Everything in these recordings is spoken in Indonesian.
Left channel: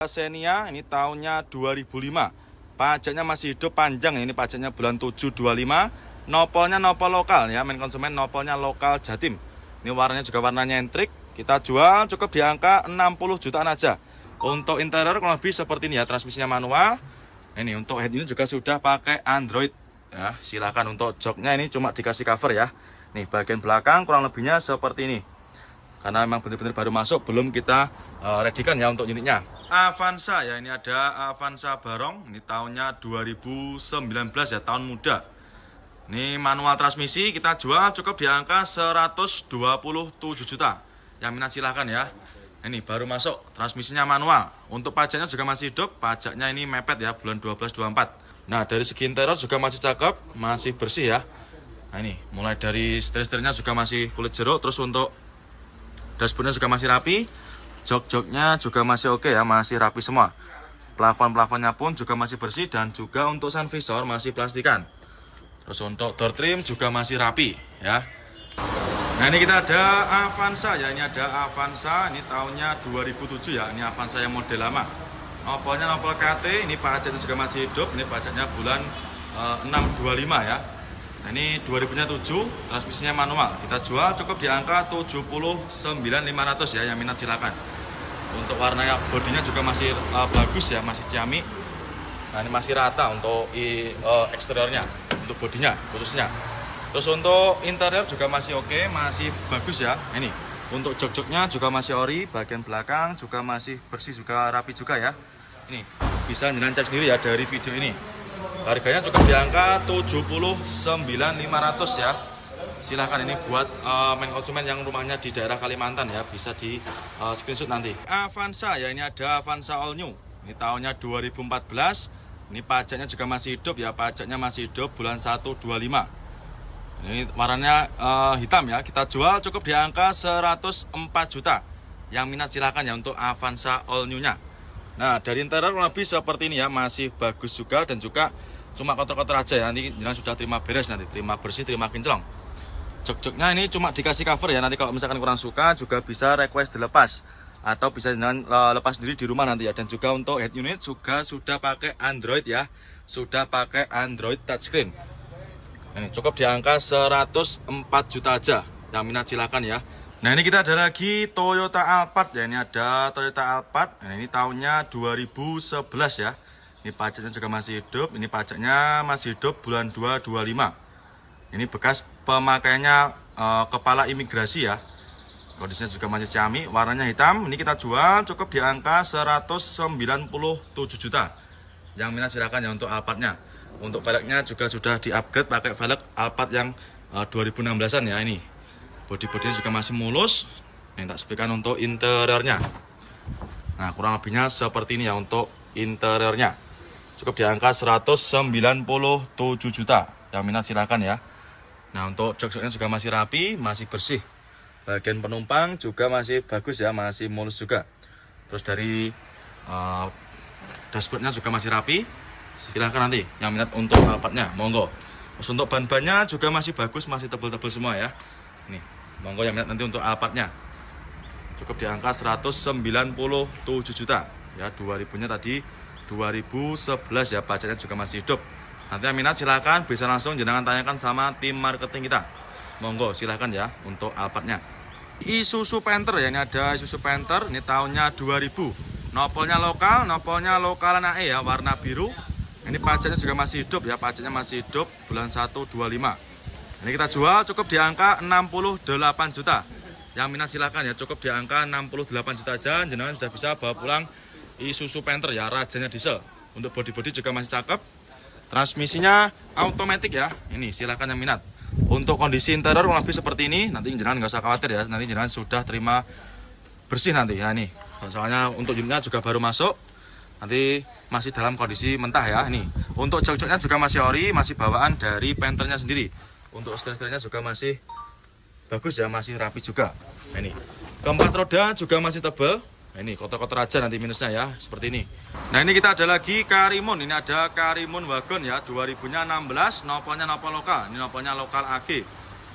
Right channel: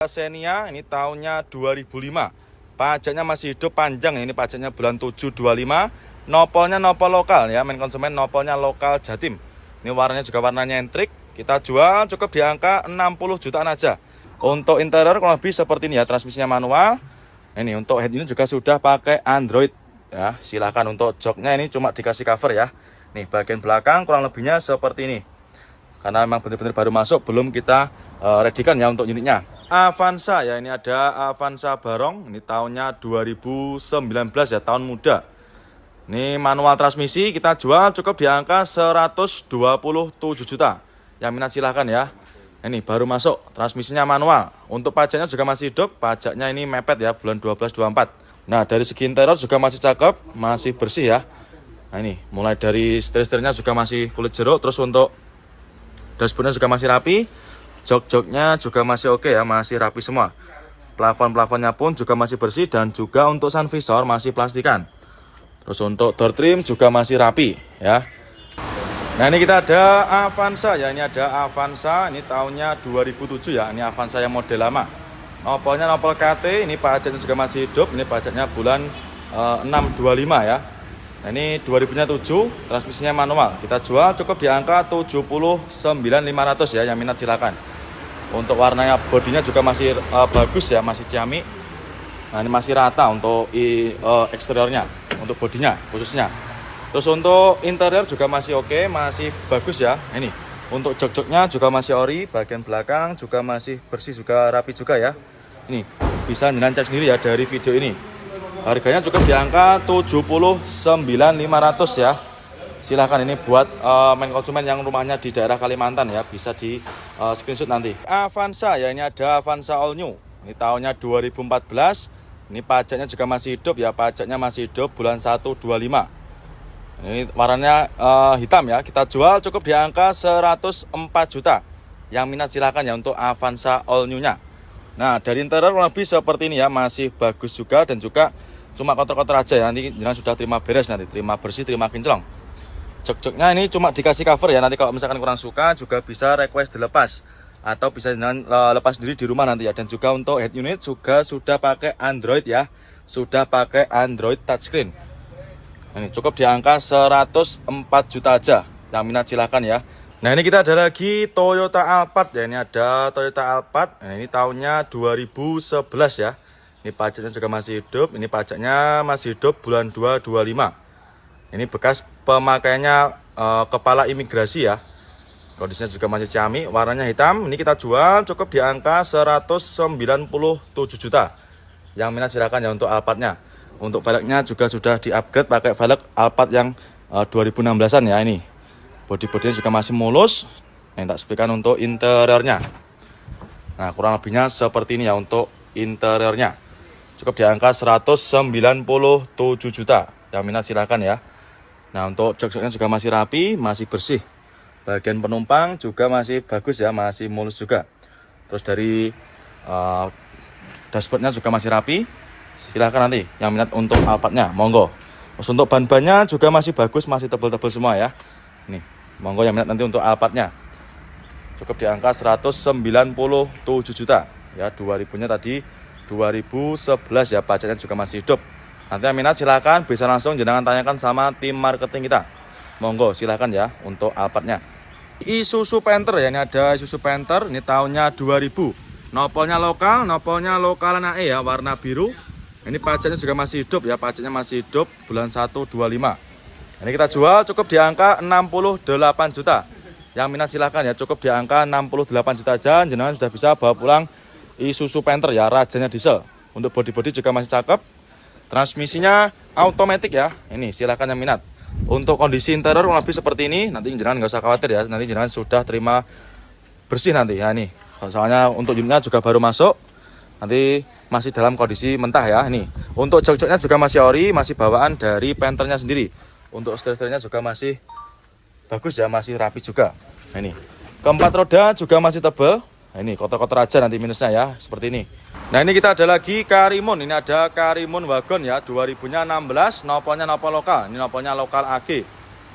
Xenia ini tahunnya 2005. Pajaknya masih hidup panjang, ini pajaknya bulan 7 25. Nopolnya nopol lokal ya, main konsumen nopolnya lokal Jatim. Ini warnanya juga warna nyentrik. Kita jual cukup di angka 60 jutaan aja. Untuk interior kurang lebih seperti ini ya, transmisinya manual. Ini untuk head unit juga sudah pakai Android ya. Silahkan untuk joknya ini cuma dikasih cover ya. Nih bagian belakang kurang lebihnya seperti ini. Karena memang benar-benar baru masuk, belum kita readykan ya untuk unitnya. Avanza ya, ini ada Avanza Barong, ini tahunnya 2019 ya, tahun muda. Ini manual transmisi, kita jual cukup di angka 127 juta. Yang minat silahkan ya. Ini baru masuk, transmisinya manual. Untuk pajaknya juga masih hidup, pajaknya ini mepet ya, bulan 12 24. Nah dari segi interior juga masih cakep, masih bersih ya. Nah ini mulai dari setir-setirnya juga masih kulit jeruk, terus untuk dashboardnya juga masih rapi. Jok-joknya juga masih oke ya, masih rapi semua. Plafon-plafonnya pun juga masih bersih, dan juga untuk sun visor masih plastikan. Terus untuk door trim juga masih rapi ya. Nah ini kita ada Avanza ya, ini ada Avanza, ini tahunnya 2007 ya, ini Avanza yang model lama. Nopolnya nopol KT, ini pajaknya juga masih hidup, ini pajaknya bulan 625 ya. Nah ini 2007, transmisinya manual. Kita jual cukup di angka 79.500 ya, yang minat silakan. Untuk warnanya, bodinya juga masih bagus ya, masih ciamik. Nah ini masih rata untuk eksteriornya, untuk bodinya khususnya. Terus untuk interior juga masih oke, masih bagus ya. Ini untuk jok-joknya juga masih ori, bagian belakang juga masih bersih, juga rapi juga ya. Ini bisa jenengan cek sendiri ya dari video ini. Harganya cukup di angka 79.500 ya. Silahkan ini buat main konsumen yang rumahnya di daerah Kalimantan ya, bisa di screenshot nanti. Avanza ya, ini ada Avanza All New. Ini tahunnya 2014. Ini pajaknya juga masih hidup ya, pajaknya masih hidup bulan 125. Ini warnanya hitam ya. Kita jual cukup di angka 104 juta. Yang minat silahkan ya untuk Avanza All New-nya. Nah dari interior lebih seperti ini ya, masih bagus juga, dan juga cuma kotor-kotor aja ya. Nanti jangan sudah terima beres, nanti terima bersih, terima kinclong. Jok-joknya ini cuma dikasih cover ya, nanti kalau misalkan kurang suka juga bisa request dilepas, atau bisa jangan lepas sendiri di rumah nanti ya. Dan juga untuk head unit juga sudah pakai Android ya, sudah pakai Android touchscreen. Ini cukup di angka 104 juta aja, yang minat silahkan ya. Nah ini kita ada lagi Toyota Alphard ya, ini ada Toyota Alphard. Nah, ini tahunnya 2011 ya. Ini pajaknya juga masih hidup, ini pajaknya masih hidup bulan 2 25. Ini bekas pemakaiannya kepala imigrasi ya. Kondisinya juga masih ciamik, warnanya hitam. Ini kita jual cukup di angka 197 juta. Yang minat silakan ya untuk Alphardnya. Untuk velgnya juga sudah di-upgrade pakai velg Alphard yang 2016-an ya ini. Bodi-bodinya juga masih mulus. Nah, tak sepikan untuk interiornya. Nah, kurang lebihnya seperti ini ya untuk interiornya. Cukup di angka 197 juta. Yang minat silakan ya. Nah untuk jok-joknya juga masih rapi, masih bersih. Bagian penumpang juga masih bagus ya, masih mulus juga. Terus dari dashboardnya juga masih rapi. Silahkan nanti yang minat untuk Alphardnya, monggo. Terus untuk ban-bannya juga masih bagus, masih tebal-tebal semua ya. Nih, monggo yang minat nanti untuk Alphardnya. Cukup di angka 197 juta. Ya 2000-nya tadi 2011 ya, pajaknya juga masih hidup. Nanti yang minat silakan bisa langsung jangan tanyakan sama tim marketing kita. Monggo silakan ya untuk Alphardnya. Isuzu Panther ya, ini ada Isuzu Panther, ini tahunnya 2000. Nopolnya lokalan AE ya, warna biru. Ini pajaknya juga masih hidup ya, pajaknya masih hidup bulan 1 25. Ini kita jual cukup di angka 68 juta. Yang minat silakan ya, cukup di angka 68 juta aja. Jenengan sudah bisa bawa pulang Isuzu Panther ya, rajanya diesel. Untuk bodi-bodi juga masih cakep. Transmisinya automatic ya. Ini silakan yang minat. Untuk kondisi interior kurang lebih seperti ini. Nanti jangan nggak usah khawatir ya. Nanti jangan sudah terima bersih nanti ya ini. Soalnya untuk unitnya juga baru masuk. Nanti masih dalam kondisi mentah ya. Ini. Untuk jok-joknya juga masih ori, masih bawaan dari Panthernya sendiri. Untuk setir-setirnya juga masih bagus ya, masih rapi juga. Nah, ini. Keempat roda juga masih tebal. Nah, ini kotor-kotor aja nanti minusnya ya, seperti ini. Nah ini kita ada lagi Karimun, ini ada Karimun Wagon ya, 2016, nopolnya nopol lokal, ini nopolnya lokal AG.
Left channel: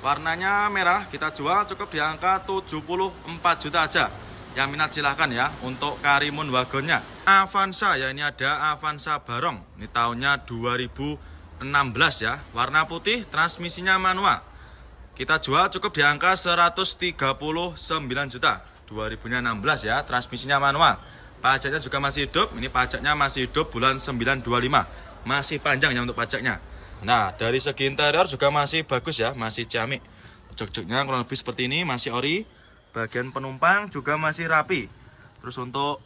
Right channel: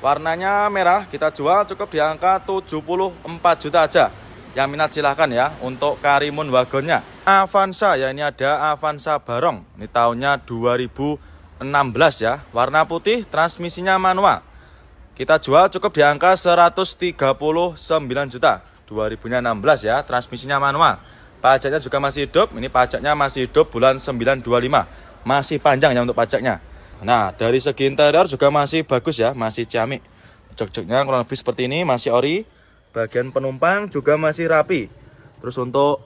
Warnanya merah, kita jual cukup di angka 74 juta aja. Yang minat silahkan ya untuk Karimun wagonnya. Avanza ya, ini ada Avanza Barong. Ini tahunnya 2016 ya. Warna putih, transmisinya manual. Kita jual cukup di angka 139 juta. 2016 ya, transmisinya manual. Pajaknya juga masih hidup. Ini pajaknya masih hidup bulan 925. Masih panjang ya untuk pajaknya. Nah, dari segi interior juga masih bagus ya, masih ciamik. Jok-joknya kurang lebih seperti ini, masih ori. Bagian penumpang juga masih rapi. Terus untuk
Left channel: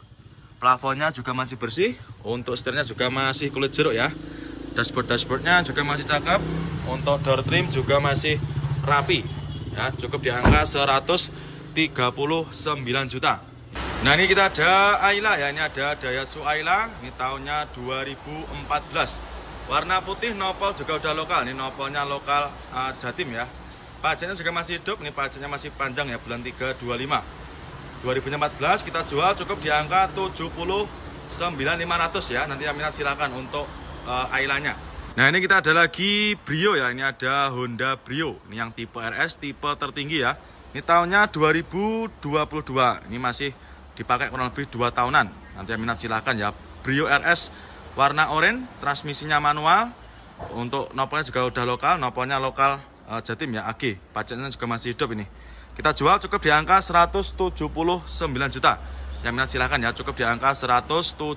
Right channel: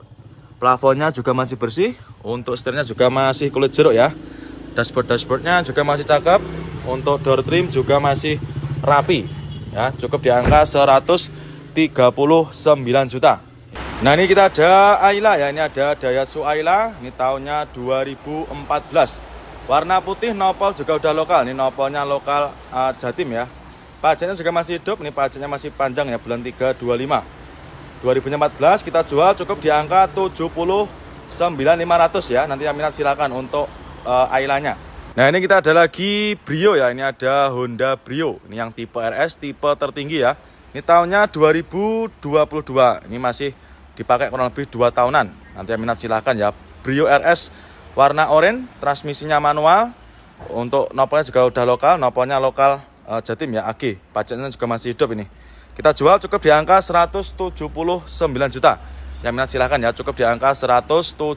plafonnya juga masih bersih. Untuk setirnya juga masih kulit jeruk ya. Dashboardnya juga masih cakep. Untuk door trim juga masih rapi ya. Cukup di angka 139 juta. Nah, ini kita ada Ayla ya. Ini ada Daihatsu Ayla. Ini tahunnya 2014. Warna putih, nopol juga udah lokal. Ini nopolnya lokal Jatim ya. Pajaknya juga masih hidup, ini pajaknya masih panjang ya, bulan 3 25. 2014 kita jual cukup di angka 79.500 ya. Nanti yang minat silakan untuk Ailanya. Nah, ini kita ada lagi Brio ya. Ini ada Honda Brio. Ini yang tipe RS, tipe tertinggi ya. Ini tahunnya 2022. Ini masih dipakai kurang lebih 2 tahunan. Nanti yang minat silakan ya. Brio RS warna oranye, transmisinya manual. Untuk nopolnya juga udah lokal, nopolnya lokal Jatim ya, AG. Pajaknya juga masih hidup ini. Kita jual cukup di angka 179 juta. Yang minat silahkan ya, cukup di angka 179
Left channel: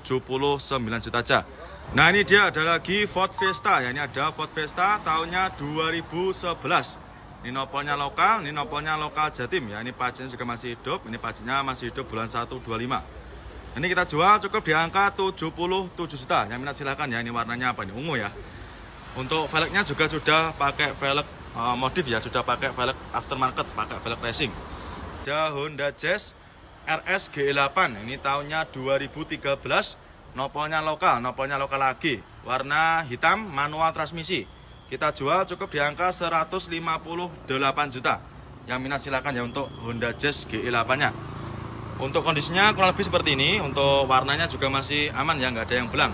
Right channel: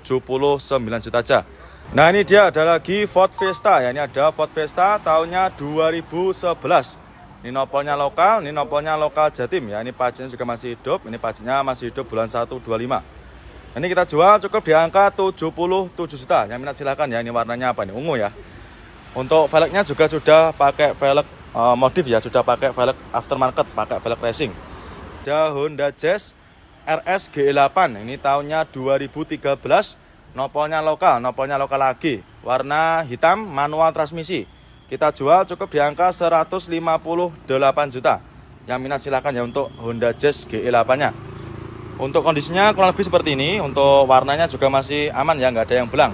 juta aja. Nah, ini dia ada lagi Ford Fiesta ya. Ini ada Ford Fiesta tahunnya 2011. Ini nopolnya lokal, ini nopolnya lokal Jatim ya. Ini pajaknya juga masih hidup. Ini pajaknya masih hidup bulan 125. Ini kita jual cukup di angka 77 juta. Yang minat silahkan ya. Ini warnanya apa nih? Ungu ya. Untuk velgnya juga sudah pakai velg modif ya, sudah pakai velg aftermarket, pakai velg racing. Ada Honda Jazz RS GE8. Ini tahunnya 2013. Nopolnya lokal lagi. Warna hitam, manual transmisi. Kita jual cukup di angka 158 juta. Yang minat silahkan ya untuk Honda Jazz GE8-nya. Untuk kondisinya kurang lebih seperti ini. Untuk warnanya juga masih aman ya, nggak ada yang belang.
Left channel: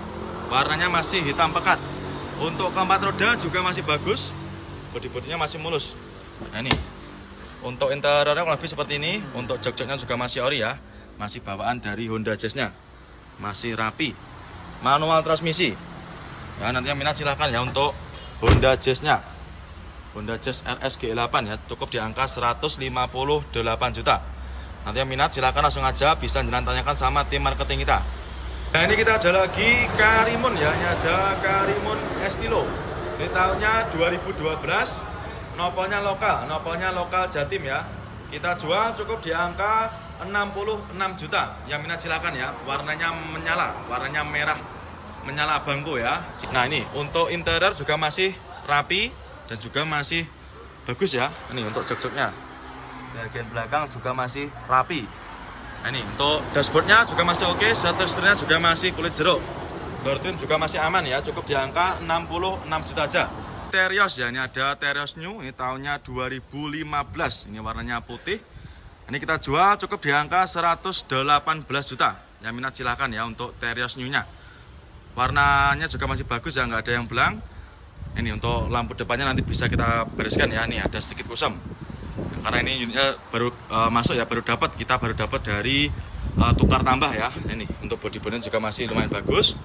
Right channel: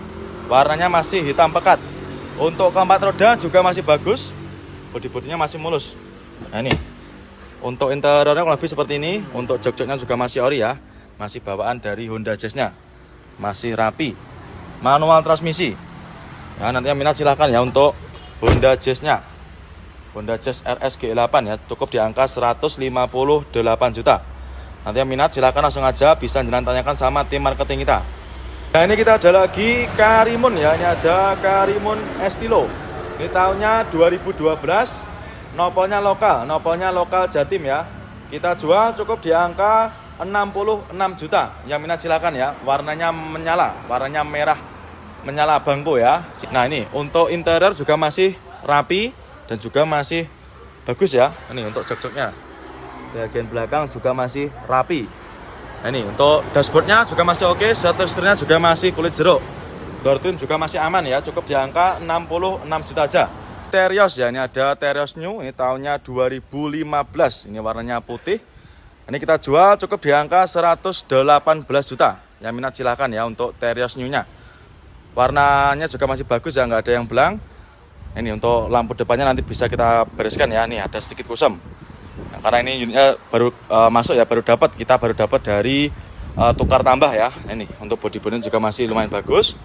Warnanya masih hitam pekat. Untuk keempat roda juga masih bagus. Bodi-bodinya masih mulus. Nah, ini untuk interiornya kurang lebih seperti ini. Untuk jok-joknya juga masih ori ya. Masih bawaan dari Honda Jazz-nya. Masih rapi. Manual transmisi. Nah, nanti yang minat silahkan ya untuk Honda Jazz-nya. Honda Jazz RS GE8 ya. Cukup di angka 158 juta. Nanti yang minat silahkan langsung aja. Bisa jangan tanyakan sama tim marketing kita. Nah, ini kita ada lagi Karimun ya. Ini ada Karimun Estilo. Ini tahunnya 2012. Nopolnya lokal Jatim ya. Kita jual cukup di angka 66 juta. Yang minat silakan ya. Warnanya menyala, warnanya merah menyala bangko ya. Nah, ini untuk interior juga masih rapi dan juga masih bagus ya. Ini untuk jok-joknya. Bagian belakang juga masih rapi. Nah, ini untuk dashboardnya juga masih oke. Setirnya juga masih kulit jeruk. Door trim juga masih aman ya, cukup di angka 66 juta aja. Terios ya, ini ada Terios New, ini tahunnya 2015. Ini warnanya putih. Ini kita jual cukup di angka 118 juta. Yang minat silahkan ya untuk Terios New-nya. Warnanya juga masih bagus ya, nggak ada yang belang. Ini untuk lampu depannya nanti bisa kita bereskan ya. Nih ada sedikit kusam. Nah, karena ini unitnya baru masuk ya, kita baru dapat dari tukar tambah ya. Ini untuk bodi-bodinya juga masih lumayan bagus.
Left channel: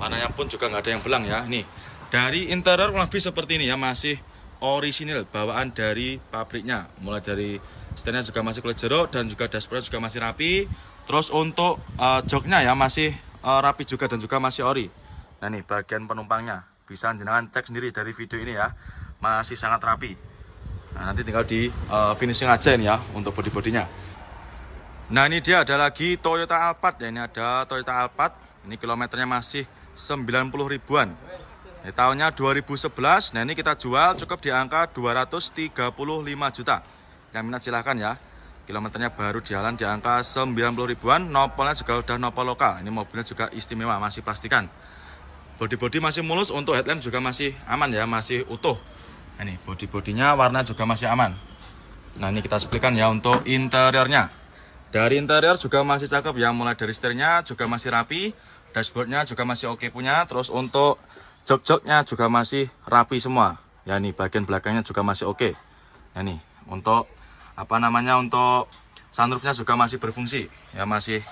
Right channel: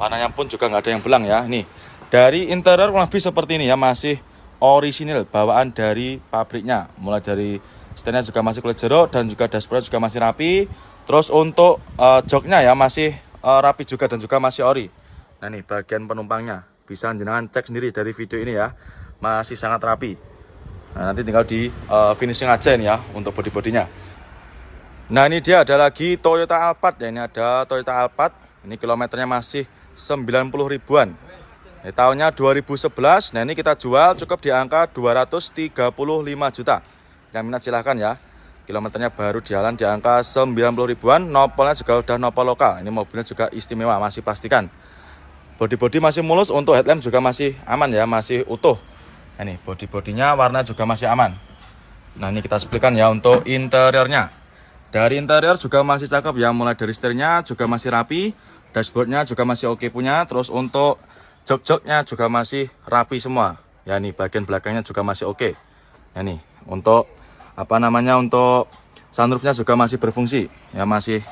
Warnanya pun juga nggak ada yang belang ya. Nih dari interior kurang lebih seperti ini ya, masih orisinil bawaan dari pabriknya. Mulai dari setirnya juga masih kulit jeruk dan juga dashboardnya juga masih rapi. Terus untuk joknya ya masih rapi juga dan juga masih ori. Nah, nih bagian penumpangnya bisa jenengan cek sendiri dari video ini ya, masih sangat rapi. Nah, nanti tinggal di finishing aja ini ya untuk bodi-bodinya. Nah, ini dia ada lagi Toyota Alphard ya. Ini ada Toyota Alphard. Ini kilometernya masih 90 ribuan. Ini tahunnya 2011. Nah, ini kita jual cukup di angka 235 juta. Yang minat silahkan ya. Kilometernya baru jalan di angka 90 ribuan. Nopolnya juga udah nopol lokal. Ini mobilnya juga istimewa, masih plastikan. Bodi-bodi masih mulus. Untuk headlamp juga masih aman ya, masih utuh. Nah, ini bodi-bodinya warna juga masih aman. Nah, ini kita seplikan ya untuk interiornya. Dari interior juga masih cakep ya. Mulai dari setirnya juga masih rapi. Dashboardnya juga masih oke punya. Terus untuk jok-joknya juga masih rapi semua. Ya, nih bagian belakangnya juga masih oke. Nah, nih untuk untuk Sunroofnya juga masih berfungsi, ya masih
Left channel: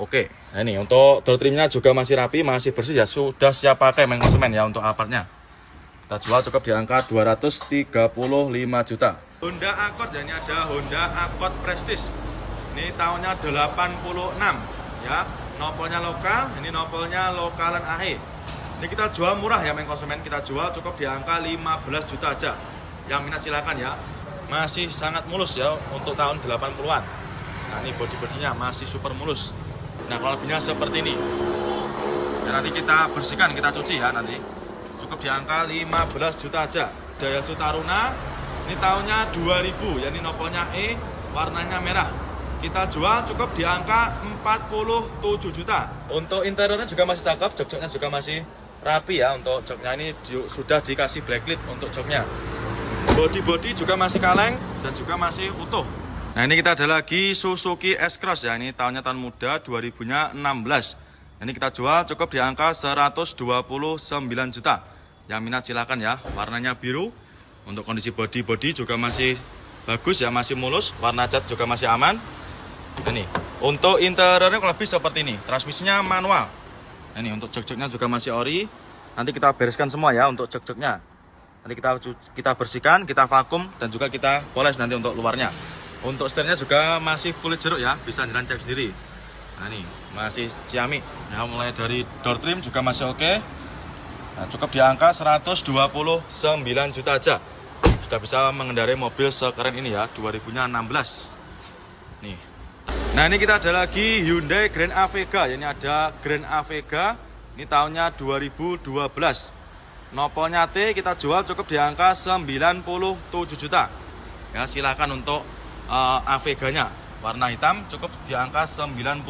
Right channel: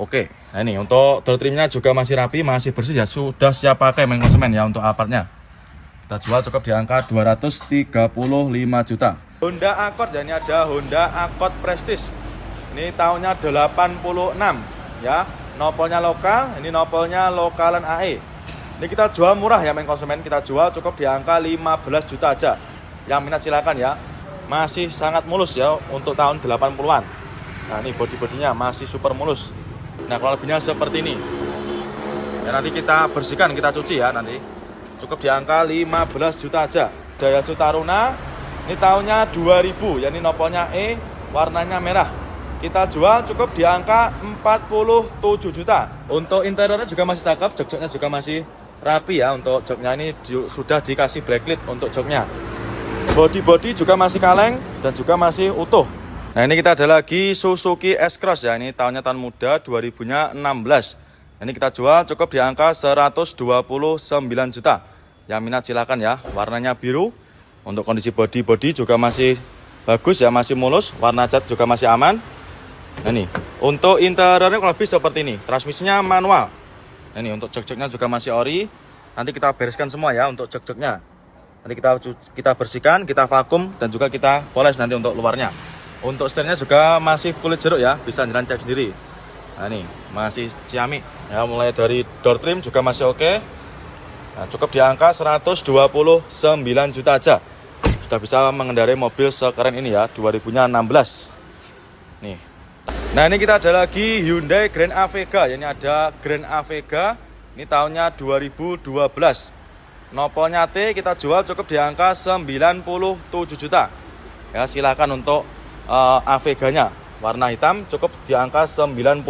oke. Nah ini untuk door trimnya juga masih rapi, masih bersih ya, sudah siap pakai main konsumen ya untuk Alphardnya. Kita jual cukup di angka 235 juta. Honda Accord ya, ini ada Honda Accord Prestige. Ini tahunnya 86 ya. Nopolnya lokal, ini nopolnya lokalan AE. Ini kita jual murah ya main konsumen, kita jual cukup di angka 15 juta aja. Yang minat silakan ya. Masih sangat mulus ya untuk tahun 80-an. Nah ini bodi-bodinya masih super mulus. Nah kalau lebihnya seperti ini. Dan nanti kita bersihkan, kita cuci ya nanti. Cukup di angka 15 juta aja. Daihatsu Taruna, ini tahunnya 2000, ya ini nopolnya E, warnanya merah. Kita jual cukup di angka 47 juta. Untuk interiornya juga masih cakep, jok-joknya juga masih rapi ya. Untuk joknya ini sudah dikasih blacklit untuk joknya. Body juga masih kaleng dan juga masih utuh. Nah ini kita ada lagi Suzuki S-Cross ya. Ini tahunnya tahun muda 2016. Ini kita jual cukup di angka 129 juta. Yang minat silakan ya. Warnanya biru. Untuk kondisi body juga masih bagus ya, masih mulus. Warna cat juga masih aman. Nah ini untuk interiornya kurang lebih seperti ini. Transmisinya manual. Nah ini untuk jok-joknya juga masih ori. Nanti kita bereskan semua ya untuk jok-joknya. Nanti kita bersihkan, kita vakum, dan juga kita poles nanti untuk luarnya. Untuk setirnya juga masih kulit jeruk ya, bisa jalan cek sendiri. Nah ini masih ciamik ya, mulai dari door trim juga masih oke. Nah, cukup di angka 129 juta aja. Sudah bisa mengendarai mobil sekeren ini ya, 2016. Nih. Nah ini kita ada lagi Hyundai Grand Avega. Ini ada Grand Avega. Ini tahunnya 2012. Nopolnya T, kita jual cukup di angka 97 juta. Ya, silakan untuk Aveganya. Warna hitam cukup di angka 97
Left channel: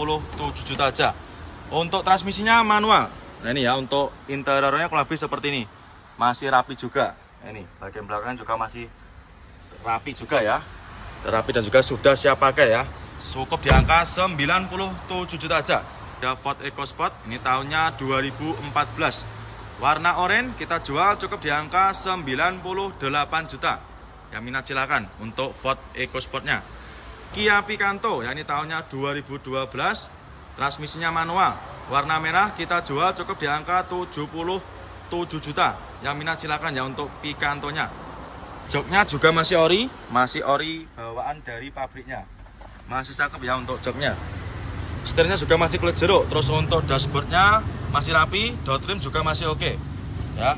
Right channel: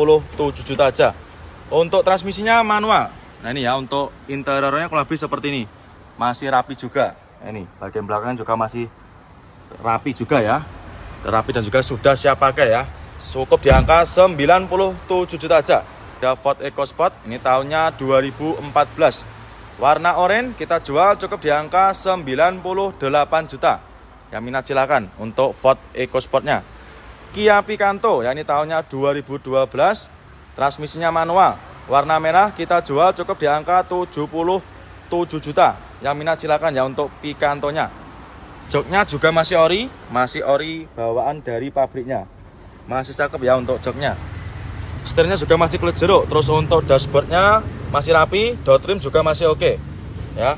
juta aja. Untuk transmisinya manual. Nah ini ya, untuk interiornya kurang lebih seperti ini. Masih rapi juga. Ini bagian belakangnya juga masih rapi juga ya. Rapi dan juga sudah siap pakai ya. Cukup di angka 97 juta aja. Ada Ford EcoSport, ini tahunnya 2014. Warna oranye kita jual cukup di angka 98 juta. Yang minat silakan untuk Ford EcoSportnya. Kia Picanto, ya ini tahunnya 2012. Transmisinya manual. Warna merah kita jual cukup di angka 77 juta. Yang minat silakan ya untuk Picantonya. Joknya juga masih ori bawaan dari pabriknya. Masih cakep ya untuk joknya. Setirnya juga masih kulit jeruk. Terus untuk dashboardnya masih rapi, door trim juga masih oke. Ya.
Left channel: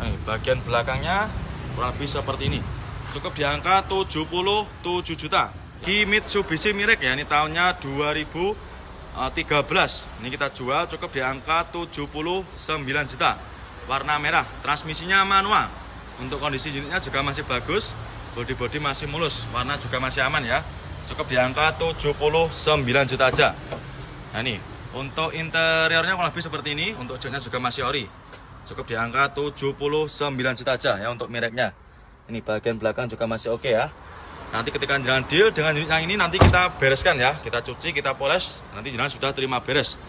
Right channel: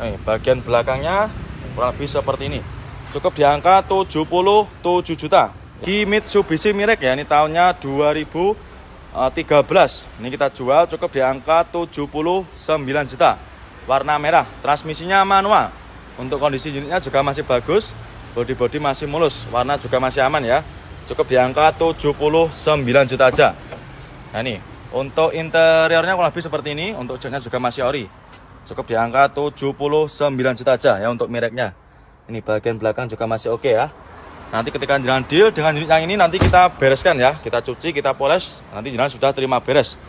Nih, bagian belakangnya kurang lebih seperti ini. Cukup di angka 77 juta. Di Mitsubishi Mirage ya, ini tahunnya 2013. Ini kita jual cukup di angka 79 juta. Warna merah, transmisinya manual. Untuk kondisi unitnya juga masih bagus. Bodi masih mulus, warna juga masih aman ya. Cukup di angka 79 juta aja. Nah ini, untuk interiornya kurang lebih seperti ini. Untuk joknya juga masih ori. Cukup di angka 79 juta aja ya untuk mereknya. Ini bagian belakang juga masih oke ya. Nanti ketika jalan deal dengan unit yang ini nanti kita bereskan ya. Kita cuci, kita poles. Nanti jalan sudah terima beres.